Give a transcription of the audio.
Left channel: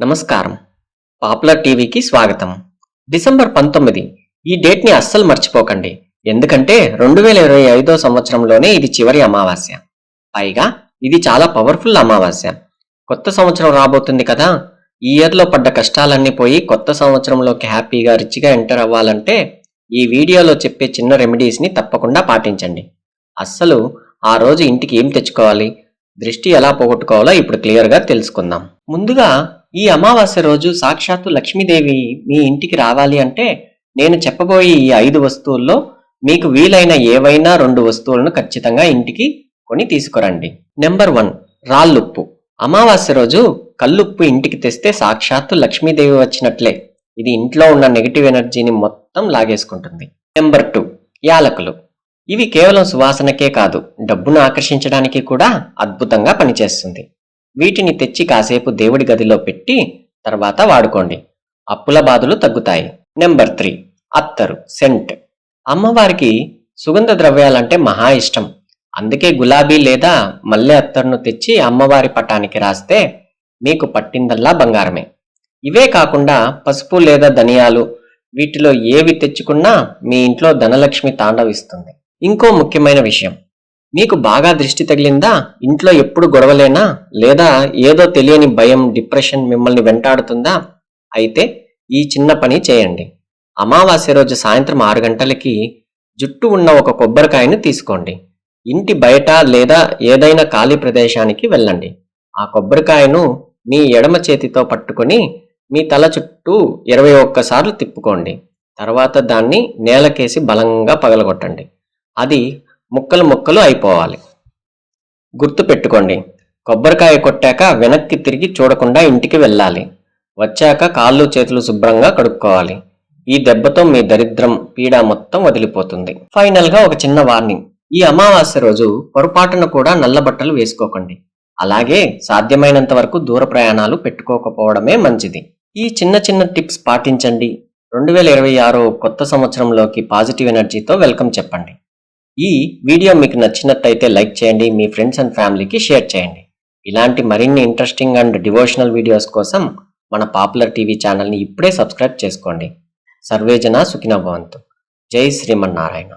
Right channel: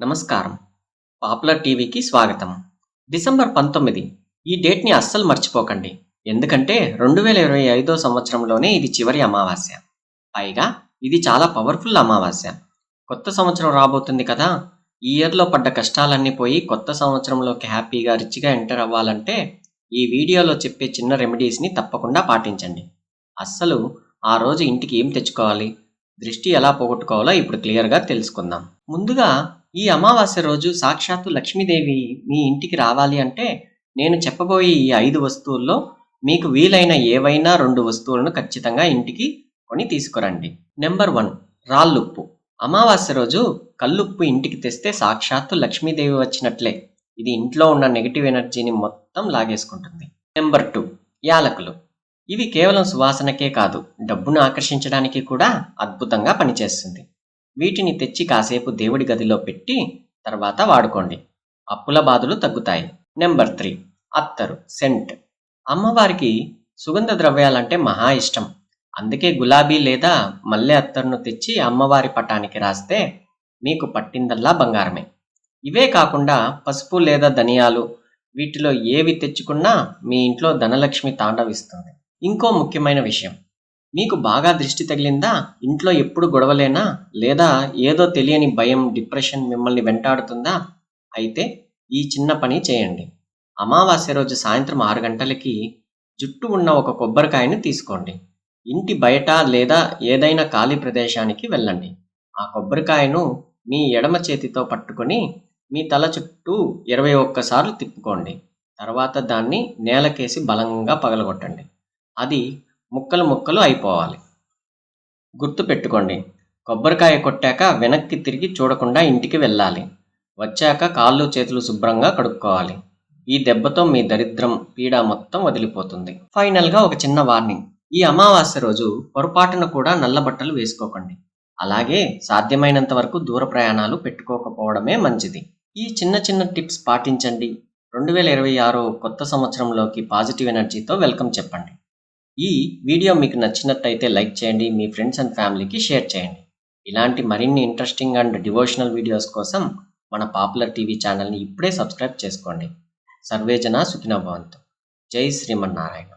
నమస్కారం. పాపులర్ టీవీకి స్వాగతం. డిసెంబర్ 19 ఈ డేట్‌ని అస్సలు మర్చిపోకండి. ఎందుకంటే 2025 సంవత్సరంలోనే ఇది చివరి అమావాస్య. పైగా ఇది చాలా పవర్‌ఫుల్ అమావాస్య. కొత్త సంవత్సరం రాబోతుంది కదా! ఈ ఇయర్‌లో పడ్డ కష్టాలన్నీ పోయి కొత్త సంవత్సరంలోకి హ్యాపీగా, రిచ్‌గా ఎంటర్ అవ్వాలంటే ఈ వీడియోలో చెప్పే చిన్న రెమెడీస్‌ని తప్పకుండా పాటించండి. అస్సలు ఆ రోజు ఇంటికి ఏం తెచ్చుకోవాలి, దృష్టి ఎలా పోగొట్టుకోవాలో ఇప్పుడు క్లియర్‌గా తెలుసుకుందాం. ముందుగా ఈ అమావాస్య రోజు సాక్షాత్తు లక్ష్మీదేవి మీ ఇంటికి రావాలి అంటే నేను చెప్పబోయే ఈ 5 వస్తువుల్లో మీకు వీలైన ఏవైనా 2 వస్తువులను ఖచ్చితంగా ఇంటికి కొని తీసుకురండి. నెంబర్ 1 రాళ్ళుప్పు. అమావాస్య రోజు కల్లుప్పు ఇంటికి తెస్తే సాక్షాత్తు లక్ష్మీదేవి వచ్చినట్లే. ఇది ఇంట్లో ఉన్న నెగటివ్ ఎనర్జీని మొత్తం లాగేసుకుంటుంది. నెంబర్ 2 యాలకులు. ఇవి కేవలం సువాసనకే కాదు, డబ్బును ఆకర్షించడానికి కూడా అద్భుతంగా పనిచేస్తుంది. వీటిని తెచ్చి కాసేపు దేవుడి గదిలో పెట్టి తర్వాత వాడుకోండి. అప్పుల బాధలు తగ్గుతాయి. నెంబర్ 3 అత్తరు, సెంట్. అమ్మవారికి సుగంధ ద్రవ్యాలంటే మహా ఇష్టం. అందుకే గులాబీ లేదా మల్లె అత్తరును తెచ్చి అమ్మవారి పటానికి రాస్తే మీకు పట్టిందల్లా బంగారమే. ఇవే కాకుండా పసుపు లేదా ధనియాలు, వీటిలో ఏవి తెచ్చుకున్నా మీ ఇంట్లో ధనలక్ష్మి తాండవిస్తుంది. ఇంకో ముఖ్యమైన విషయం, మీకు బాగా దృష్టి తగిలిందా, ఇంట్లో ఎప్పుడు గొడవలేనా, లేదా ఏదో తెలియని భయం, డిప్రెషన్ మిమ్మల్ని వెంటాడుతుందా, అయితే ఈ చిన్న పని చేయండి. అమావాస్య రోజు సాయంత్రం 6 గంటలకి జుట్టు ఉన్న ఒక కొబ్బరికాయను తీసుకోండి. ఇంటి బయట లేదా ఏదైనా ఖాళీ ప్రదేశానికి వెళ్ళండి. ఆ కొబ్బరికాయను మీ ఎడమ చేతితో పట్టుకొని మీ తల చుట్టూ 21 సార్లు తిప్పుకోండి. తర్వాత దాన్ని నేలకేసి బలంగా పగలగొట్టండి. అది ముక్కలు ముక్కలు అయిపోవాలి. గుర్తు పెట్టుకోండి, కొబ్బరికాయ కొట్టాక వెనక్కి తిరిగి చూడకుండా ఇంటికి వెళ్ళాలి. వచ్చాక కాళ్ళు చేతులు శుభ్రంగా కడుక్కోవాలి. ఈ దెబ్బతో మీ దరిద్రం, పీడ మొత్తం వదిలిపోతుంది. ఫైనల్గా ఒక చిన్న వార్నింగ్, ఈ అమావాస్య రోజు పొరపాటున కూడా నల్ల బట్టలు వేసుకోకండి. అలాగే సాధ్యమైనంత వరకు దూర ప్రయాణాలు పెట్టుకోకపోవడమే మంచిది. ఈ చిన్న చిన్న టిప్స్ పాటించండి. 2026 కొత్త సంవత్సరంలోకి పాజిటివ్ ఎనర్జీతో వెల్కమ్ చెప్పండి. ఈ వీడియో మీకు నచ్చినట్టయితే లైక్ చేయండి, మీ ఫ్రెండ్స్ అండ్ ఫ్యామిలీకి షేర్ చేయండి. ఇలాంటి మరిన్ని ఇంట్రెస్టింగ్ అండ్ డివోషనల్ వీడియోస్ కోసం మన పాపులర్ టీవీ ఛానల్ని ఇప్పుడే సబ్స్క్రైబ్ చేసుకోండి. సర్వేజన సుఖినో భవంతు. జై శ్రీమన్నారాయణ.